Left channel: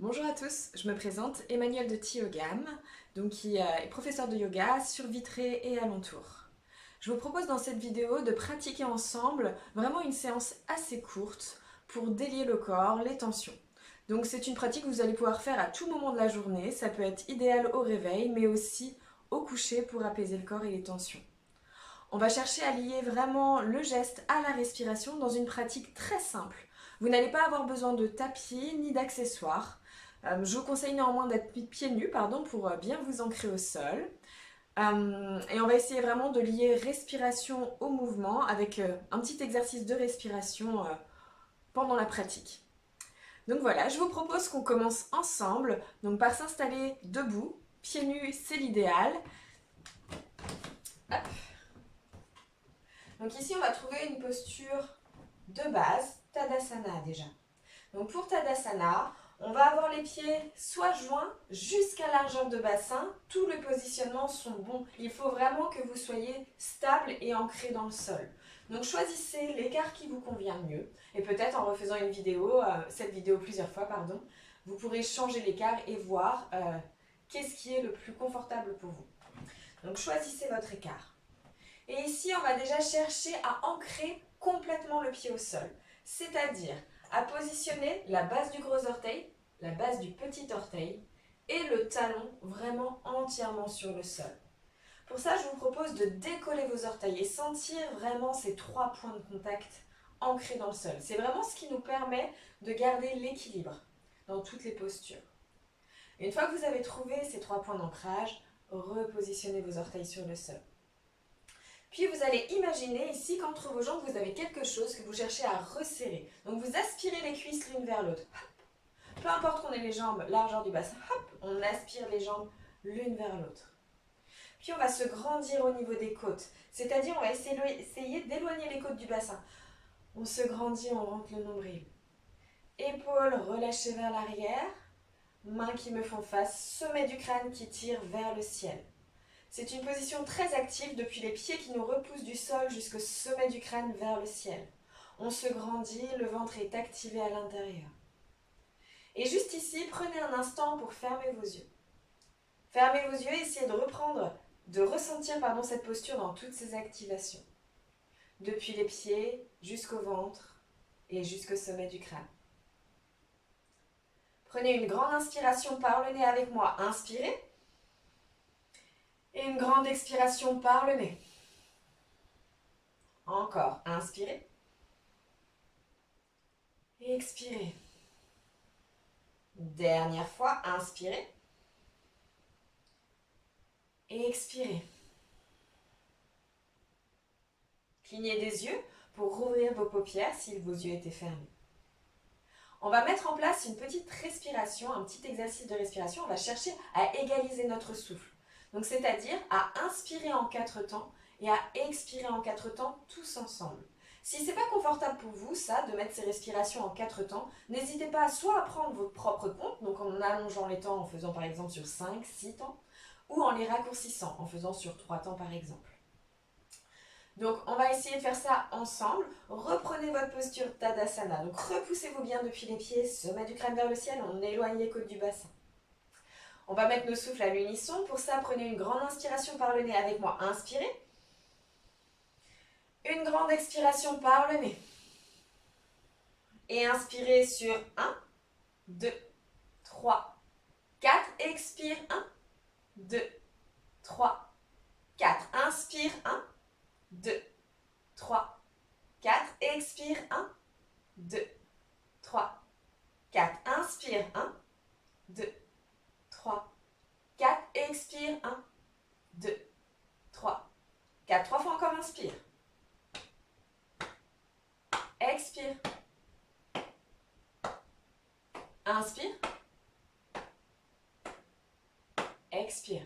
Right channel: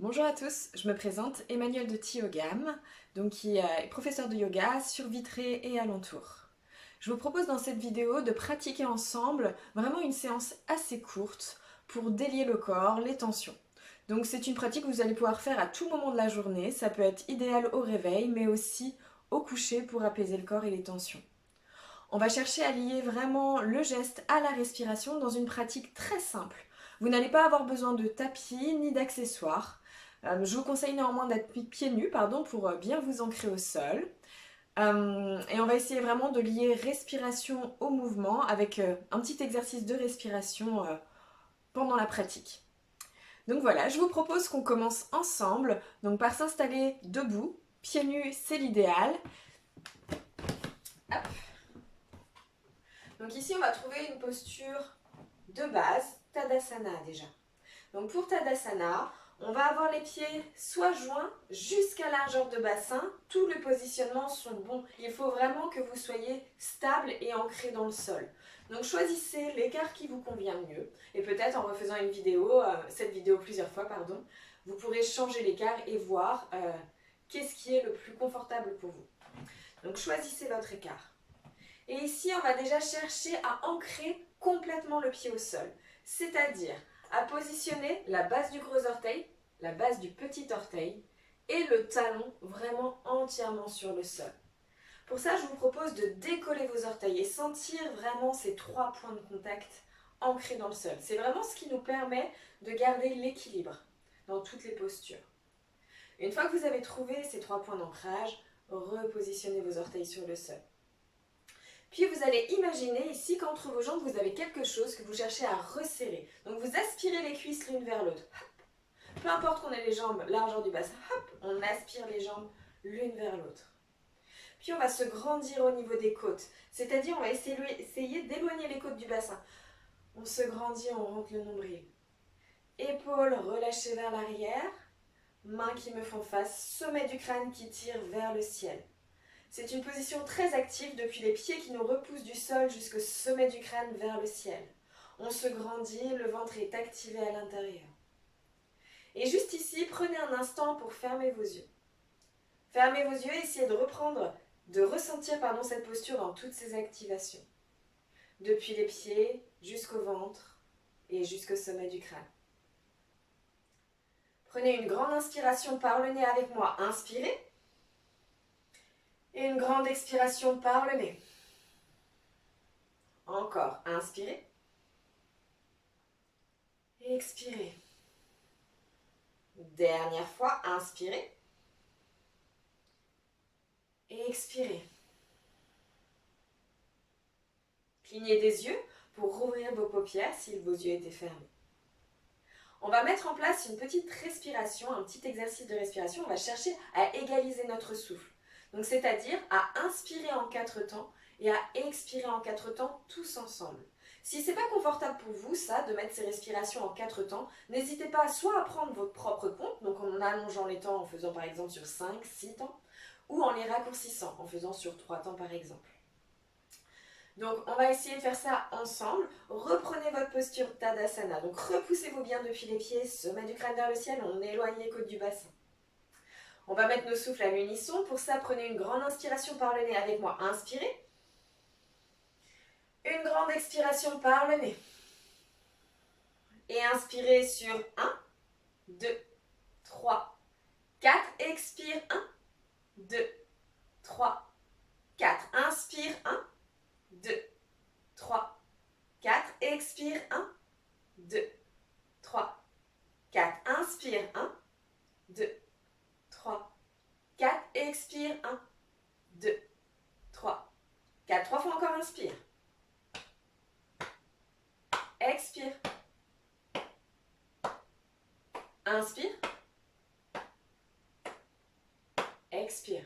Bonjour à tous, je me présente Emmanuelle de Tiyogam, qui est professeure de yoga sur Vitré et alentour. Je vous propose dans cette vidéo de pratiquer ensemble vraiment une séance assez courte pour délier le corps, les tensions. Donc c'est une pratique que vous allez pouvoir faire à tout moment de la journée, ça peut être idéal au réveil mais aussi au coucher pour apaiser le corps et les tensions. On va chercher à lier vraiment le geste à la respiration dans une pratique très simple. Vous n'allez pas avoir besoin de tapis ni d'accessoires. Je vous conseille néanmoins d'être pieds nus pour bien vous ancrer au sol. Et on va essayer vraiment de lier respiration au mouvement avec un petit exercice de respiration pendant la pratique. Donc voilà, je vous propose qu'on commence ensemble par s'installer debout. Pieds nus, c'est l'idéal. Hop. Donc ici, on va trouver une posture de base, Tadasana déjà. Donc pour Tadasana, on va avoir les pieds soit joints jusqu'à largeur de bassin. Tous les positionnements sont bons. Il faut vraiment que vous soyez stable et ancré dans le sol. Donc choisissez l'écart qui vous convient le mieux. Et peut-être en refaisant cette vidéo plusieurs fois, vous pourrez changer l'écart et voir qu'est-ce qui est le plus confortable pour vous. Donc choisissez votre écart. Et ici, on va déjà chercher à ancrer complètement le pied au sol. C'est-à-dire à positionner la base du gros orteil, la base du petit orteil et le talon vraiment entièrement sur le sol. Pour ça, je vous propose de décoller vos orteils et sentir vraiment ces 3 points de contact ancrés dans le sol. C'est vraiment ce qui nous permet de garder l'équilibre dans toutes les postures. Une fois que vous avez trouvé ces 3 points d'ancrage, repositionnez vos orteils sur le sol. Puis vous allez imaginer ici qu'entre vos jambes, vous avez quelque chose que vous cherchez à resserrer. Donc vous aspirez les cuisses l'une vers l'autre. Peu importe qu'on ait les jambes largeur du bassin, on aspire les jambes l'une vers l'autre. Puis on va se grandir au niveau des côtes. C'est-à-dire on va essayer d'éloigner les côtes du bassin. On se grandit, on rentre le nombril. Épaules relâchées vers l'arrière. Mains qui me font face. Sommet du crâne qui tire vers le ciel. C'est une position très active depuis les pieds qui nous repoussent du sol jusqu'au sommet du crâne vers le ciel. On se grandit, le ventre est activé à l'intérieur. Et juste ici, prenez un instant pour fermer vos yeux. Fermez vos yeux et essayez de ressentir cette posture dans toutes ses activations. Depuis les pieds jusqu'au ventre et jusqu'au sommet du crâne. Prenez une grande inspiration par le nez avec moi. Inspirez. Et une grande expiration par le nez. Encore, inspirez. Et expirez. Dernière fois, inspirez. Et expirez. Clignez des yeux pour rouvrir vos paupières si vos yeux étaient fermés. On va mettre en place une petite respiration, un petit exercice de respiration. On va chercher à égaliser notre souffle. Donc c'est-à-dire à inspirer en 4 temps et à expirer en 4 temps tous ensemble. Si ce n'est pas confortable pour vous, ça, de mettre ces respirations en 4 temps, n'hésitez pas soit à prendre votre propre compte, donc en allongeant les temps en faisant par exemple sur 5, 6 temps, ou en les raccourcissant en faisant sur 3 temps par exemple. Donc on va essayer de faire ça ensemble. Reprenez votre posture Tadasana. Donc repoussez-vous bien depuis les pieds, sommet du crâne vers le ciel, on éloigne les côtes du bassin. On va mettre nos souffles à l'unisson. Pour ça, prenez une grande inspiration par le nez avec moi. Inspirez. Une grande expiration par le nez. Et inspirez sur 1, 2, 3, 4. Expire 1, 2, 3, 4. Inspire 1, 2, 3, 4. Expire 1, 2, 3, 4. Inspire 1, 2, 3, 4. Expire 1, 2, 3, 4. 3 fois encore, inspire. Expire. Inspire. Expire.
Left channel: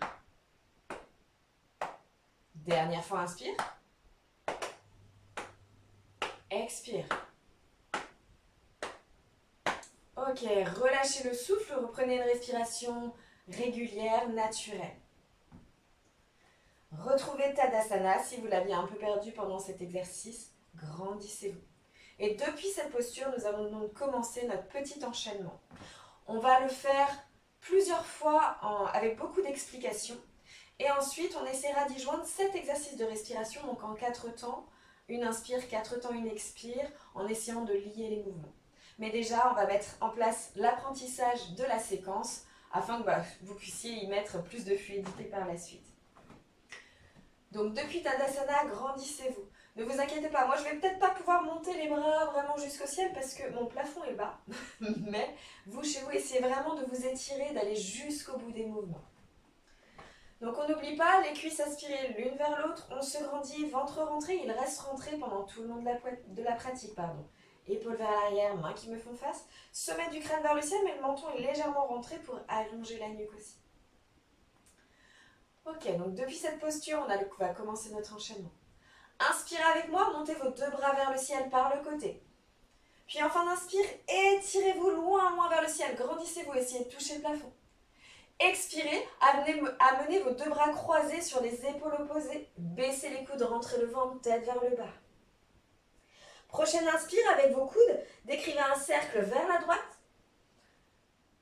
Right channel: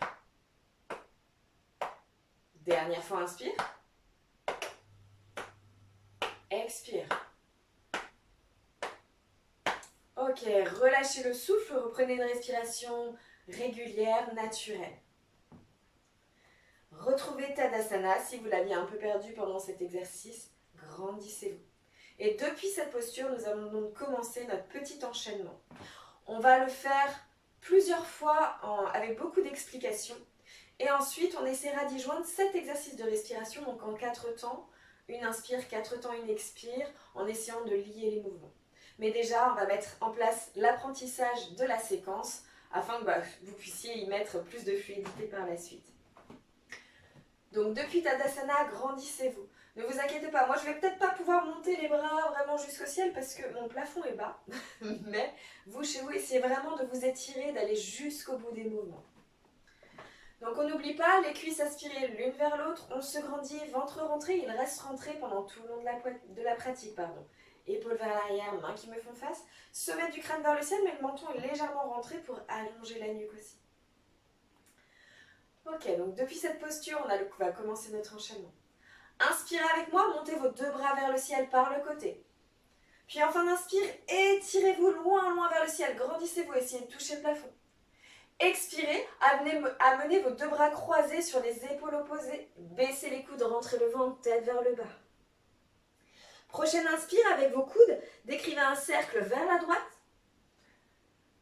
Dernière fois, inspire. Expire. Ok, relâchez le souffle, reprenez une respiration régulière, naturelle. Retrouvez Tadasana si vous l'aviez un peu perdu pendant cet exercice, grandissez-vous. Et depuis cette posture, nous allons donc commencer notre petit enchaînement. On va le faire plusieurs fois avec beaucoup d'explications. Et ensuite, on essaiera d'y joindre 7 exercices de respiration, donc en 4 temps. Une inspire, 4 temps, une expire, en essayant de lier les mouvements. Mais déjà, on va mettre en place l'apprentissage de la séquence afin que vous puissiez y mettre plus de fluidité par la suite. Donc depuis Tadasana, grandissez-vous. Ne vous inquiétez pas, moi je vais peut-être pas pouvoir monter les bras vraiment jusqu'au ciel parce que mon plafond est bas. Mais vous, chez vous, essayez vraiment de vous étirer, d'aller jusqu'au bout des mouvements. Donc on n'oublie pas, les cuisses aspirées l'une vers l'autre, on se grandit, ventre rentré, il reste rentré pendant tout le long de la pratique. Épaules vers l'arrière, mains qui me font face, sommet du crâne vers le ciel, mais le menton est légèrement rentré pour allonger la nuque aussi. Ok, donc depuis cette posture, on va commencer notre enchaînement. Inspirez avec moi, montez vos 2 bras vers le ciel par le côté. Puis enfin d'inspire, étirez-vous loin vers le ciel, grandissez-vous, essayez de toucher le plafond. Expirez, amenez vos 2 bras croisés sur les épaules opposées, baissez les coudes, rentrez le ventre, tête vers le bas. Prochaine inspire, avec vos coudes, décrivez un cercle vers la droite,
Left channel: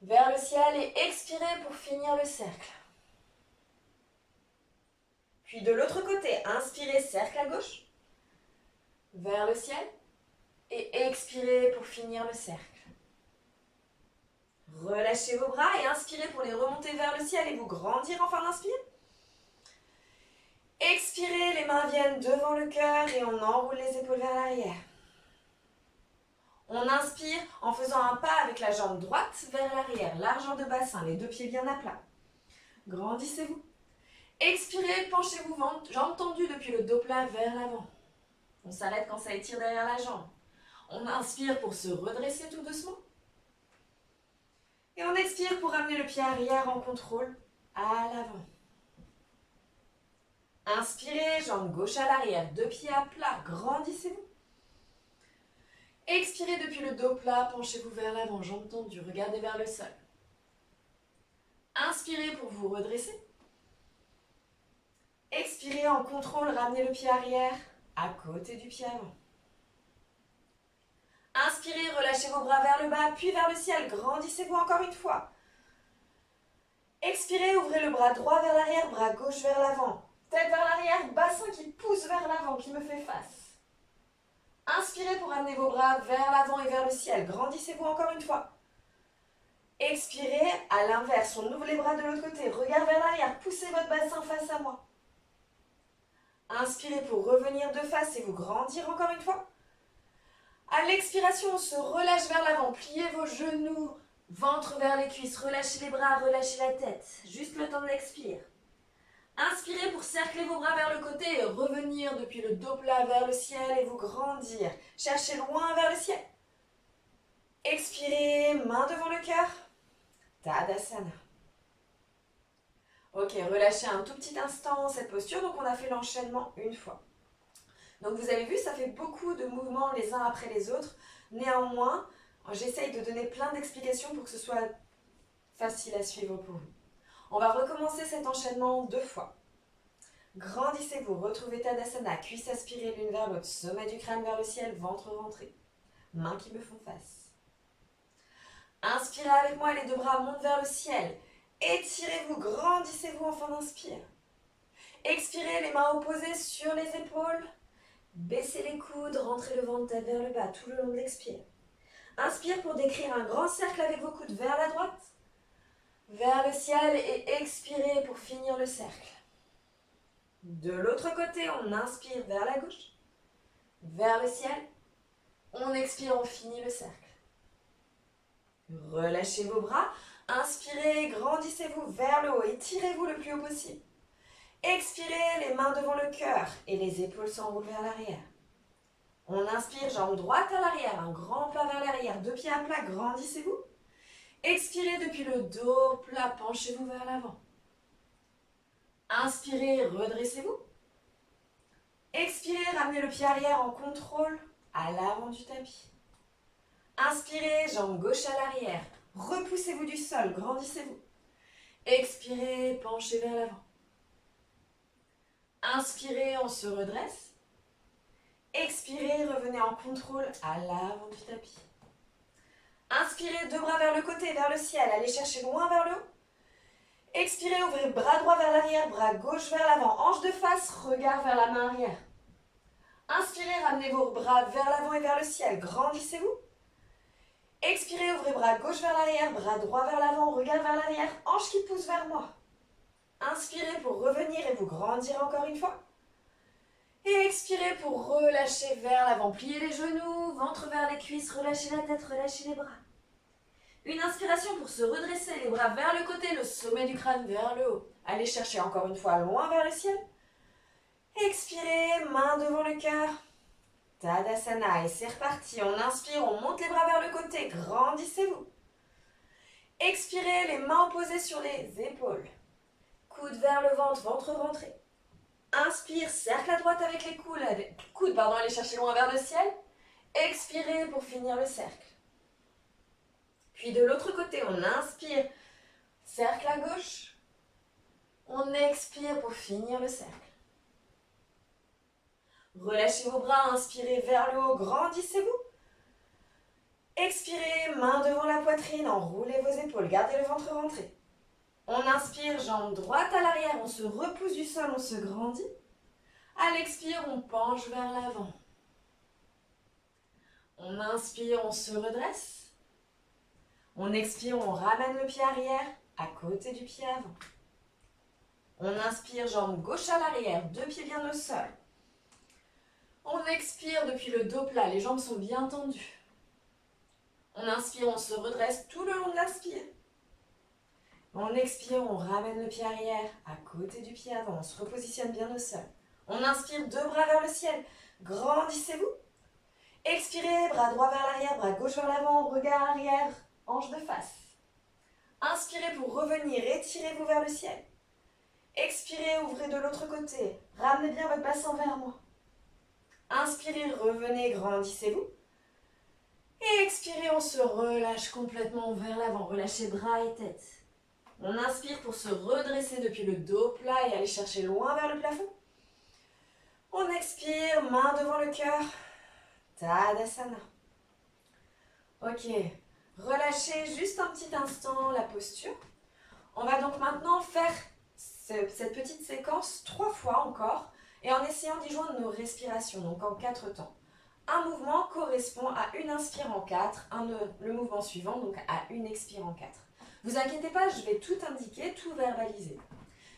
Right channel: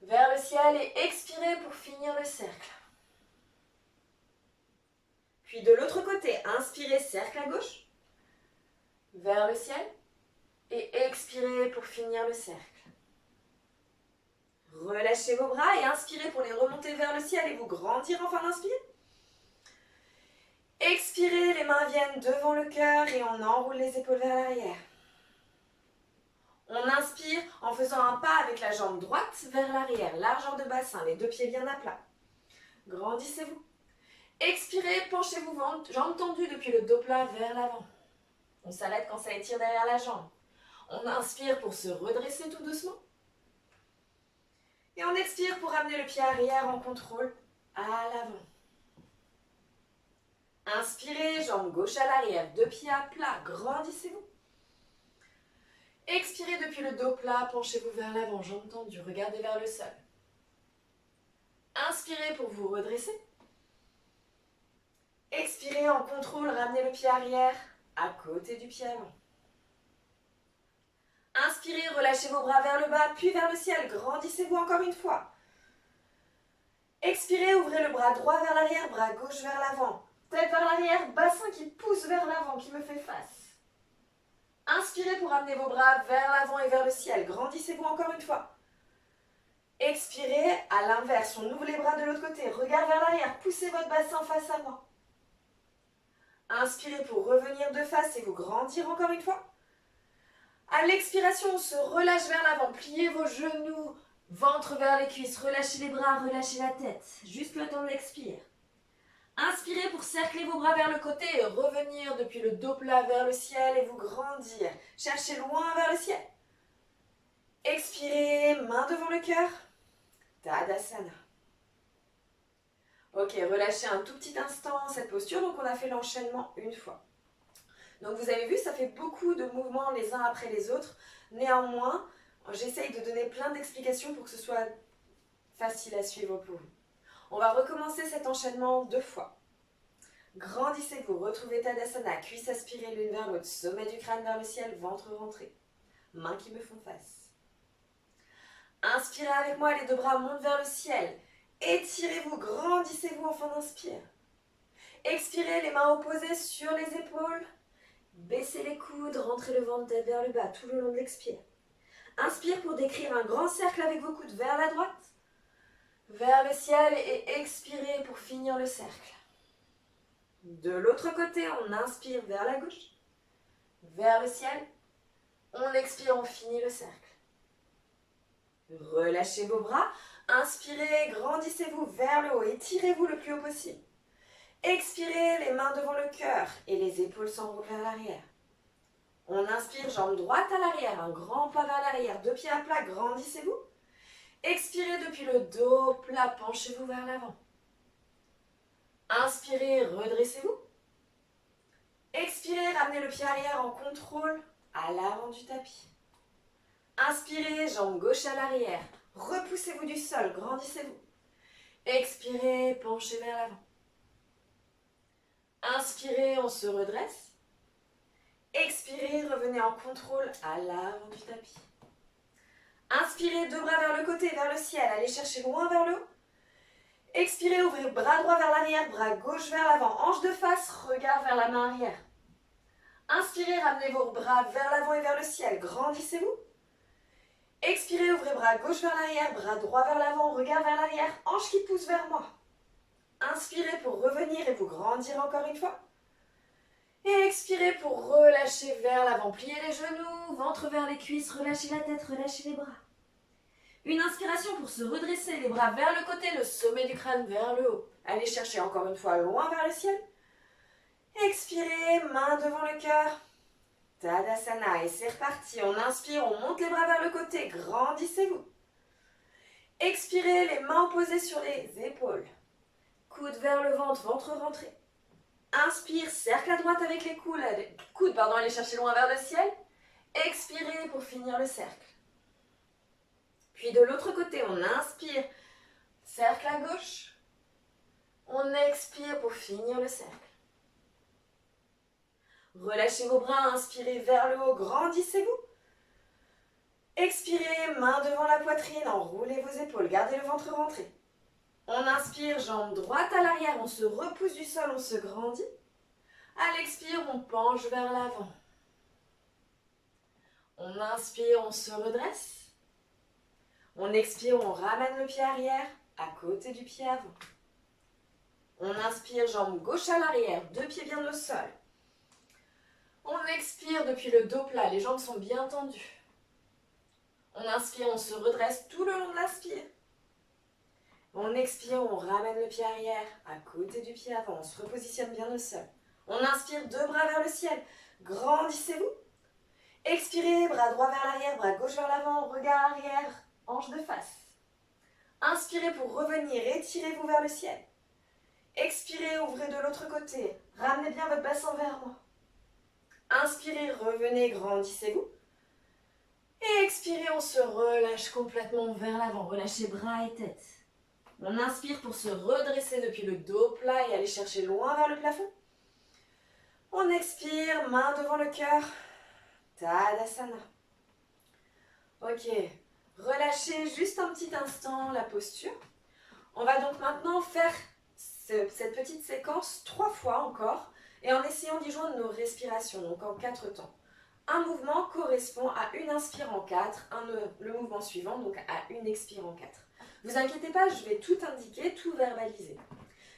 vers le ciel et expirez pour finir le cercle. Puis de l'autre côté, inspirez, cercle à gauche, vers le ciel et expirez pour finir le cercle. Relâchez vos bras et inspirez pour les remonter vers le ciel et vous grandir en fin d'inspire. Expirez, les mains viennent devant le cœur et on enroule les épaules vers l'arrière. On inspire en faisant un pas avec la jambe droite vers l'arrière, largeur de bassin, les 2 pieds bien à plat. Grandissez-vous. Expirez, penchez-vous, jambes tendues depuis le dos plat vers l'avant. On s'arrête quand ça étire derrière la jambe. On inspire pour se redresser tout doucement. Et on expire pour ramener le pied arrière en contrôle à l'avant. Inspirez, jambe gauche à l'arrière, 2 pieds à plat, grandissez-vous. Expirez depuis le dos plat, penchez-vous vers l'avant, jambes tendues, regardez vers le sol. Inspirez pour vous redresser. Expirez en contrôle, ramenez le pied arrière à côté du pied avant. Inspirez, relâchez vos bras vers le bas, puis vers le ciel, grandissez-vous encore une fois. Expirez, ouvrez le bras droit vers l'arrière, bras gauche vers l'avant. Tête vers l'arrière, bassin qui pousse vers l'avant, qui me fait face. Inspirez pour amener vos bras vers l'avant et vers le ciel. Grandissez-vous encore une fois. Expirez, à l'inverse, on ouvre les bras de l'autre côté. Regard vers l'arrière, poussez votre bassin face à moi. Inspirez pour revenir de face et vous grandir encore une fois. À l'expiration, on se relâche vers l'avant. Pliez vos genoux, ventre vers les cuisses. Relâchez les bras, relâchez la tête. Juste le temps de l'expire. Inspirez pour cercler vos bras vers le côté et revenir depuis le dos plat vers le ciel et vous grandir. Cherchez loin vers le ciel. Expirez, main devant le cœur. Tadasana. Ok, relâchez un tout petit instant cette posture. Donc on a fait l'enchaînement une fois. Donc vous avez vu, ça fait beaucoup de mouvements les uns après les autres. Néanmoins, j'essaye de donner plein d'explications pour que ce soit facile à suivre pour vous. On va recommencer cet enchaînement 2 fois. Grandissez-vous, retrouvez Tadasana, cuisses aspirées l'une vers l'autre, sommet du crâne vers le ciel, ventre rentré. Mains qui me font face. Inspirez avec moi, les 2 bras montent vers le ciel. Étirez-vous, grandissez-vous en fin d'inspire. Expirez, les mains opposées sur les épaules. Baissez les coudes, rentrez le ventre tête vers le bas tout le long de l'expire. Inspire pour décrire un grand cercle avec vos coudes vers la droite, vers le ciel et expirez pour finir le cercle. De l'autre côté, on inspire vers la gauche, vers le ciel. On expire, on finit le cercle. Relâchez vos bras. Inspirez, grandissez-vous vers le haut. Étirez-vous le plus haut possible. Expirez, les mains devant le cœur et les épaules s'enroulent vers l'arrière. On inspire, jambe droite à l'arrière, un grand pas vers l'arrière, 2 pieds à plat, grandissez-vous. Expirez depuis le dos plat, penchez-vous vers l'avant. Inspirez, redressez-vous. Expirez, ramenez le pied arrière en contrôle à l'avant du tapis. Inspirez, jambe gauche à l'arrière. Repoussez-vous du sol, grandissez-vous. Expirez, penchez vers l'avant. Inspirez, on se redresse. Expirez, revenez en contrôle à l'avant du tapis. Inspirez, deux bras vers le côté, vers le ciel. Allez chercher loin vers le haut. Expirez, ouvrez bras droit vers l'arrière, bras gauche vers l'avant. Hanche de face, regard vers la main arrière. Inspirez, ramenez vos bras vers l'avant et vers le ciel. Grandissez-vous. Expirez, ouvrez bras gauche vers l'arrière, bras droit vers l'avant, regard vers l'arrière. Hanche qui pousse vers moi. Inspirez pour revenir et vous grandir encore une fois. Et expirez pour relâcher vers l'avant. Pliez les genoux, ventre vers les cuisses, relâchez la tête, relâchez les bras. Une inspiration pour se redresser, les bras vers le côté, le sommet du crâne vers le haut. Allez chercher encore une fois loin vers le ciel. Expirez, main devant le cœur. Tadasana, et c'est reparti. On inspire, on monte les bras vers le côté, grandissez-vous. Expirez, les mains posées sur les épaules. Coude vers le ventre, ventre rentré. Inspire, cercle à droite avec les coudes, allez chercher loin vers le ciel. Expirez pour finir le cercle. Puis de l'autre côté, on inspire, cercle à gauche. On expire pour finir le cercle. Relâchez vos bras, inspirez vers le haut, grandissez-vous. Expirez, main devant la poitrine, enroulez vos épaules, gardez le ventre rentré. On inspire, jambe droite à l'arrière, on se repousse du sol, on se grandit. À l'expire, on penche vers l'avant. On inspire, on se redresse. On expire, on ramène le pied arrière à côté du pied avant. On inspire, jambe gauche à l'arrière, deux pieds bien au sol. On expire depuis le dos plat, les jambes sont bien tendues. On inspire, on se redresse tout le long de l'inspire. On expire, on ramène le pied arrière à côté du pied avant, on se repositionne bien au sol. On inspire, deux bras vers le ciel, grandissez-vous. Expirez, bras droit vers l'arrière, bras gauche vers l'avant, regard arrière, hanche de face. Inspirez pour revenir, étirez-vous vers le ciel. Expirez, ouvrez de l'autre côté, ramenez bien votre bassin vers moi. Inspirez, revenez, grandissez-vous. Et expirez, on se relâche complètement vers l'avant, relâchez bras et tête. On inspire pour se redresser depuis le dos plat et aller chercher loin vers le plafond. On expire, main devant le cœur. Tadasana. Ok, relâchez juste un petit instant la posture. On va donc maintenant faire cette petite séquence 3 fois encore et en essayant d'y joindre nos respirations, donc en 4 temps. Un mouvement correspond à une inspire en 4, le mouvement suivant donc à une expire en 4. Vous inquiétez pas, je vais tout indiquer, tout verbaliser.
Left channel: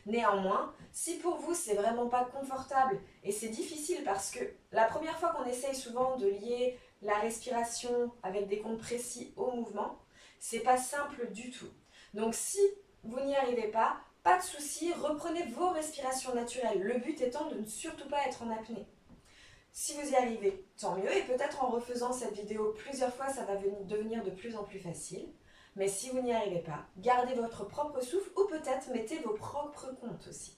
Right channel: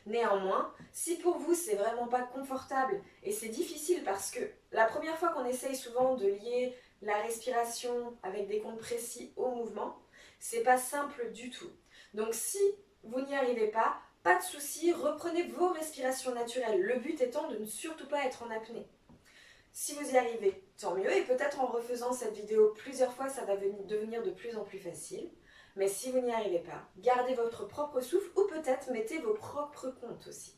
Néanmoins, si pour vous c'est vraiment pas confortable et c'est difficile parce que la première fois qu'on essaye souvent de lier la respiration avec des comptes précis au mouvement, c'est pas simple du tout. Donc si vous n'y arrivez pas de souci, reprenez vos respirations naturelles. Le but étant de ne surtout pas être en apnée. Si vous y arrivez, tant mieux, et peut-être en refaisant cette vidéo plusieurs fois, ça va devenir de plus en plus facile. Mais si vous n'y arrivez pas, gardez votre propre souffle ou peut-être mettez vos propres comptes aussi.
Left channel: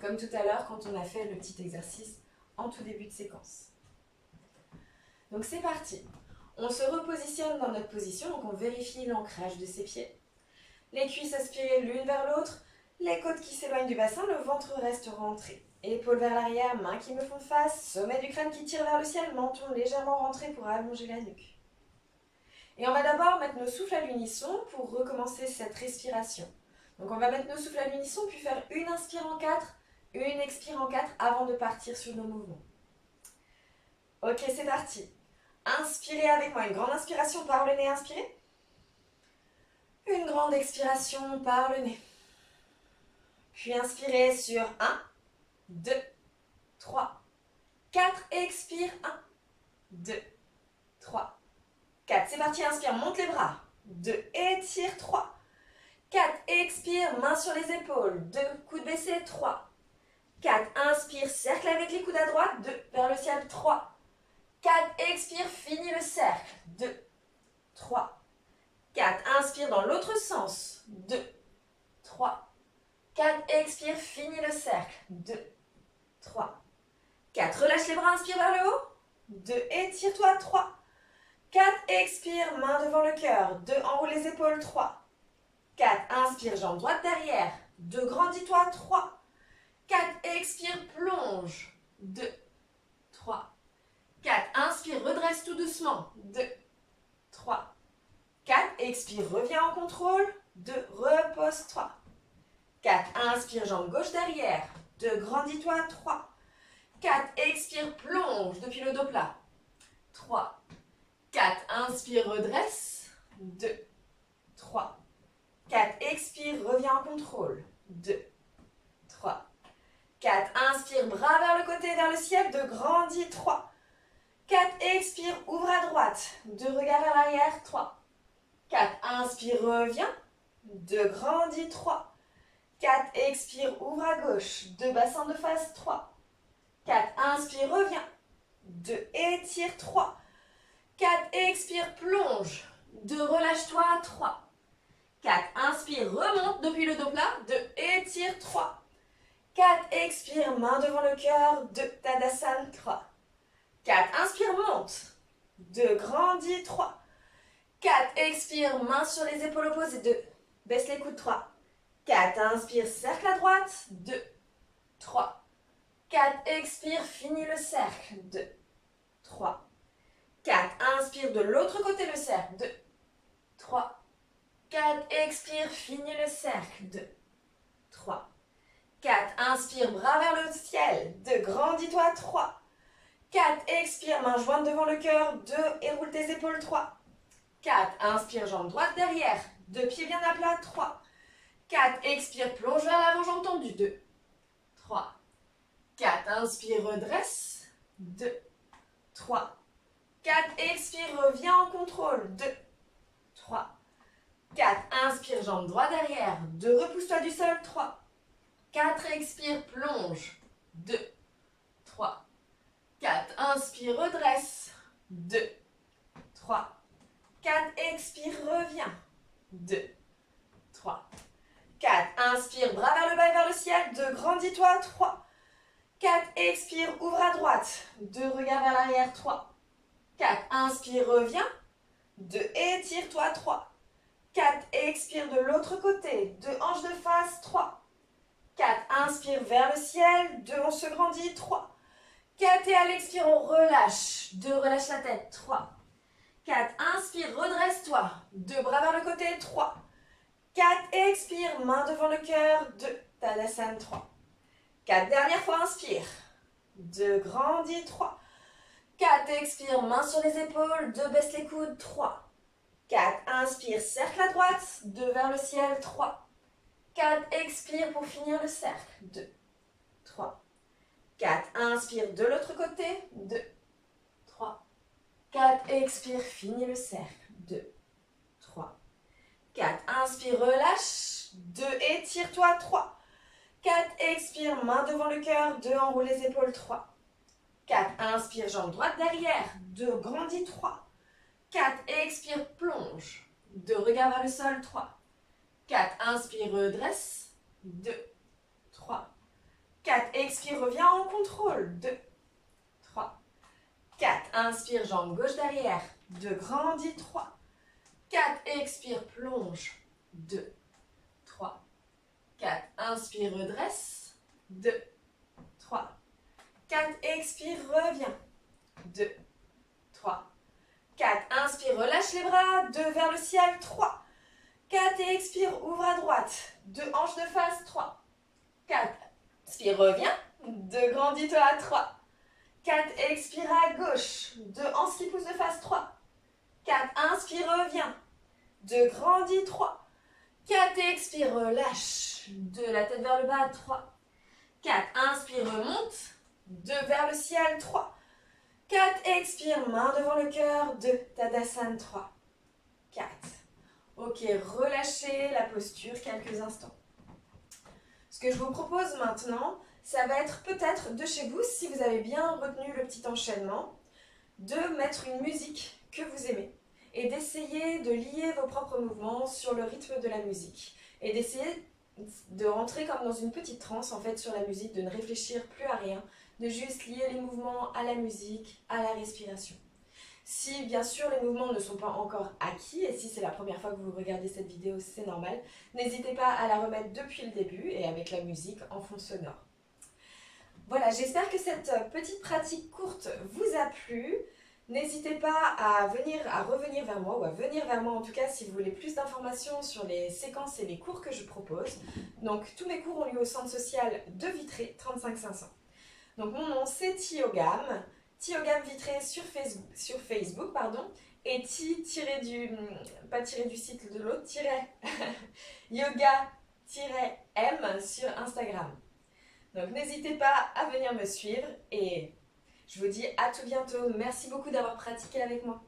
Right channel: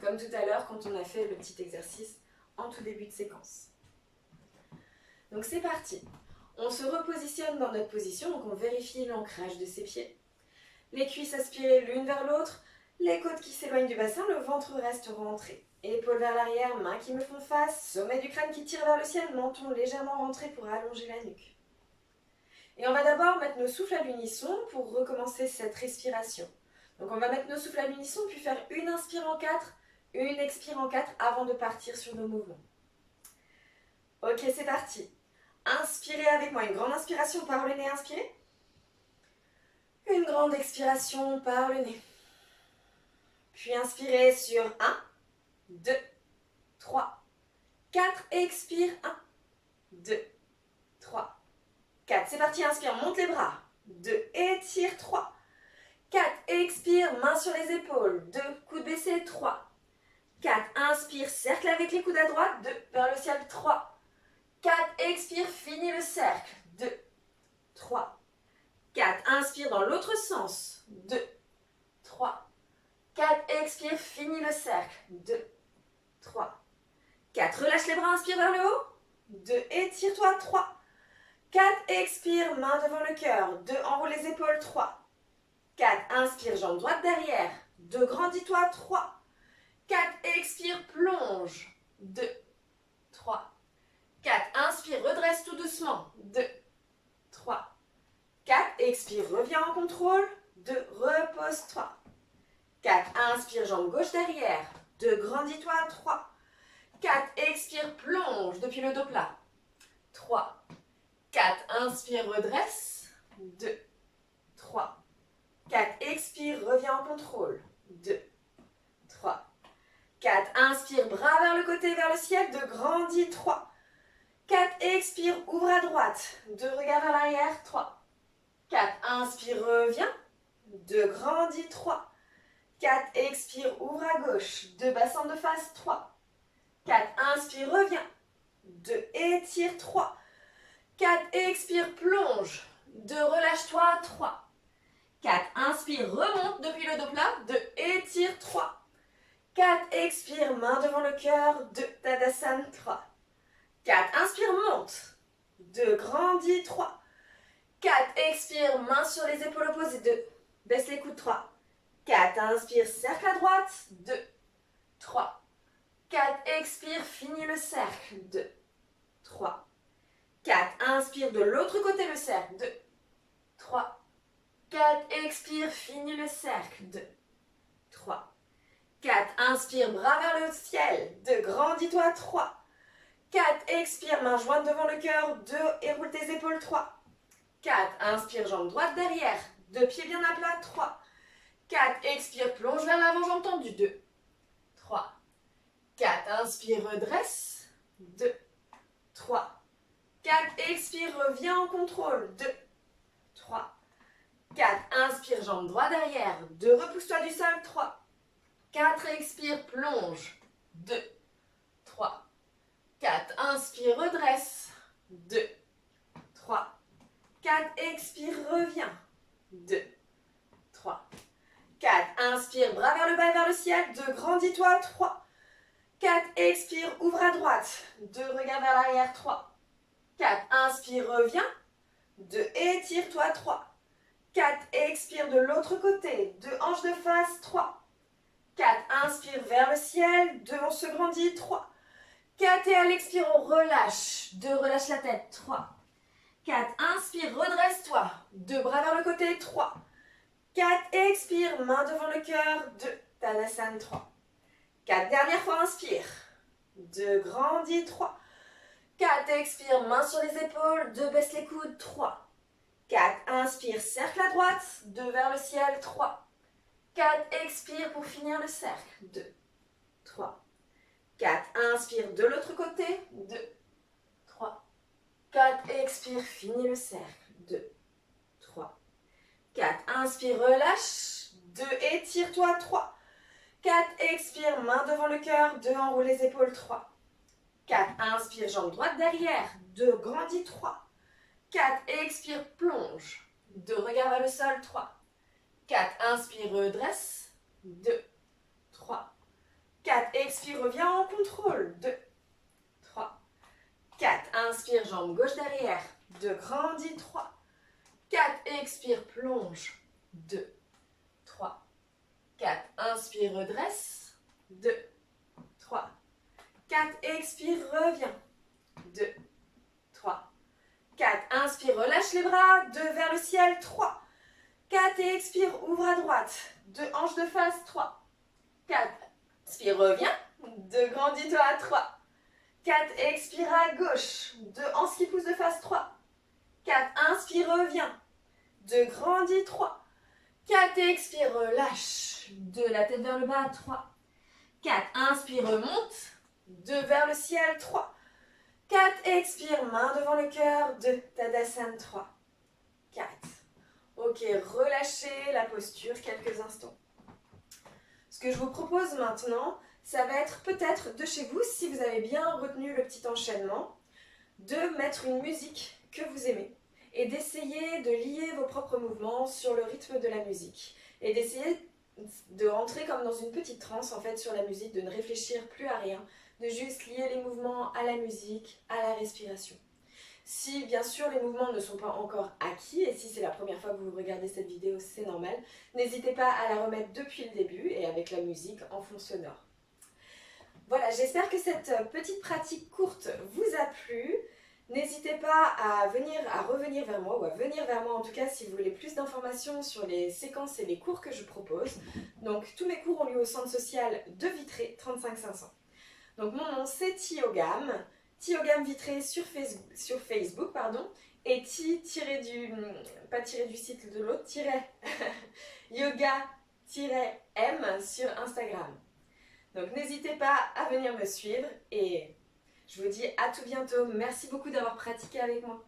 Comme tout à l'heure quand on a fait le petit exercice en tout début de séquence. Donc c'est parti. On se repositionne dans notre position, donc on vérifie l'ancrage de ses pieds. Les cuisses aspirées l'une vers l'autre, les côtes qui s'éloignent du bassin, le ventre reste rentré. Épaules vers l'arrière, mains qui me font face, sommet du crâne qui tire vers le ciel, menton légèrement rentré pour allonger la nuque. Et on va d'abord mettre nos souffles à l'unisson pour recommencer cette respiration. Donc on va mettre nos souffles à l'unisson puis faire une inspire en 4, une expire en 4 avant de partir sur nos mouvements. Ok, c'est parti. Inspirez avec moi, une grande inspiration par le nez, inspirez. Une grande expiration par le nez. Puis inspirez sur 1, 2, 3, 4, expire, 1, 2, 3, 4, c'est parti, inspire, monte les bras, 2, étire, 3, 4, expire, main sur les épaules, 2, coude baissé, 3, 4, inspire, cercle avec les coudes à droite, 2, vers le ciel, 3, 4, expire, finis le cercle, 2, 3, 4, inspire dans l'autre sens, 2, 3, 4, expire, finis le cercle, 2, 3, 4, relâche les bras, inspire vers le haut, 2, étire-toi, 3, 4, expire, main devant le cœur, 2, enroule les épaules, 3, 4, inspire, jambe droite derrière, 2, grandis-toi, 3, 4, expire, plonge, 2, 3, 4, inspire, redresse tout doucement, 2, 3, 4, expire, reviens en contrôle. 2, repose. 3, 4, inspire, jambe gauche derrière. 2, grandis-toi. 3, 4, expire, plonge depuis le dos plat. 3, 4, inspire, redresse. 2, 3, 4, expire, reviens en contrôle. 2, 3, 4, inspire, bras vers le côté, vers le ciel. 2, grandis. 3, 4, expire, ouvre à droite. 2, regarde vers l'arrière. 3, 4, inspire, reviens. 2, grandis. 3, 4, expire, ouvre à gauche. 2, bassin de face. 3, 4, inspire, reviens. 2, étire. 3, 4, expire, plonge. 2, relâche-toi. 3, 4, inspire, remonte depuis le dos plat. 2, étire. 3, 4, expire, main devant le cœur. 2, Tadasana. 3, 4, inspire, monte. 2, grandis. 3, 4, expire, main sur les épaules opposées. 2, baisse les coudes. 3, 4, inspire, cercle à droite. 2, 3, 4, expire, finis le cercle. 2, 3, 4, inspire de l'autre côté le cercle. 2, 3, 4, expire, finis le cercle. 2, 3, 4, inspire, bras vers le ciel. 2, grandis-toi. 3, 4, expire, main jointe devant le cœur. 2, et roule tes épaules. 3, 4, inspire, jambe droite derrière. 2 pieds bien à plat. 3, 4, expire, plonge vers l'avant, jambe tendue. 2, 3, 4, inspire, redresse. 2, 3, 4, expire, reviens en contrôle. 2, 3, 4, inspire, jambe droite derrière. 2, repousse-toi du sol. 3, 4, expire, plonge. 2, 3, 4, inspire, redresse. 2, 3, 4, expire, reviens. 2, 3, 4, inspire, bras vers le bas et vers le ciel. 2, grandis-toi. 3, 4, expire, ouvre à droite. 2, regarde vers l'arrière. 3, 4, inspire, reviens. 2, étire-toi. 3, 4, expire de l'autre côté. 2, hanches de face. 3, 4, inspire vers le ciel. 2, on se grandit. 3, 4, et à l'expire, on relâche. 2, relâche la tête. 3, 4, inspire, redresse-toi. 2, bras vers le côté. 3, 4, expire, main devant le cœur. 2, Tadasana. 3, 4, dernière fois, inspire. 2, grandis. 3, 4, expire, main sur les épaules. 2, baisse les coudes. 3, 4, inspire, cercle à droite. 2, vers le ciel. 3, 4, expire pour finir le cercle. 2, 3, 4, inspire de l'autre côté. 2, 3, 4, expire, finis le cercle. 2, 3, 4, inspire, relâche. 2, étire-toi. 3, 4, expire, main devant le cœur. 2, enroule les épaules. 3, 4, inspire, jambe droite derrière. 2, grandis. 3, 4, expire, plonge. 2, regarde vers le sol. 3, 4, inspire, redresse. 2, 3, 4, expire, reviens en contrôle. 2, 3, 4, inspire, jambe gauche derrière. 2, grandis. 3, 4, expire, plonge. 2, 3, 4, inspire, redresse. 2, 3, 4, expire, reviens. 2, 3, 4, inspire, relâche les bras. 2, vers le ciel. 3, 4, et expire, ouvre à droite. 2, hanches de face. 3, 4, inspire, reviens. 2, grandis-toi. 3, 4, expire à gauche. 2, hanches qui poussent de face. 3, 4, inspire, reviens. 2, grandis. 3, 4, expire, relâche. 2, la tête vers le bas. 3, 4, inspire, remonte. 2, vers le ciel. 3, 4, expire, main devant le cœur. 2, Tadasana. 3, 4. Ok, relâchez la posture quelques instants. Ce que je vous propose maintenant, ça va être peut-être de chez vous, si vous avez bien retenu le petit enchaînement, de mettre une musique que vous aimez et d'essayer de lier vos propres mouvements sur le rythme de la musique et d'essayer de rentrer comme dans une petite transe en fait sur la musique, de ne réfléchir plus à rien, de juste lier les mouvements à la musique, à la respiration. Si bien sûr les mouvements ne sont pas encore acquis et si c'est la première fois que vous regardez cette vidéo, c'est normal, n'hésitez pas à la remettre depuis le début et avec la musique en fond sonore. Voilà, j'espère que cette petite pratique courte vous a plu. N'hésitez pas à revenir vers moi, ou à venir vers moi en tout cas si vous voulez plus d'informations sur les séquences et les cours que je propose. Donc tous mes cours ont lieu au centre social de Vitré, 35 500. Donc mon nom c'est Thiogam, Thiogam Vitré sur Facebook pardon, et pas tiré du site de l'autre, yoga-m sur Instagram. Donc n'hésitez pas à venir me suivre et je vous dis à tout bientôt. Merci beaucoup d'avoir pratiqué avec moi.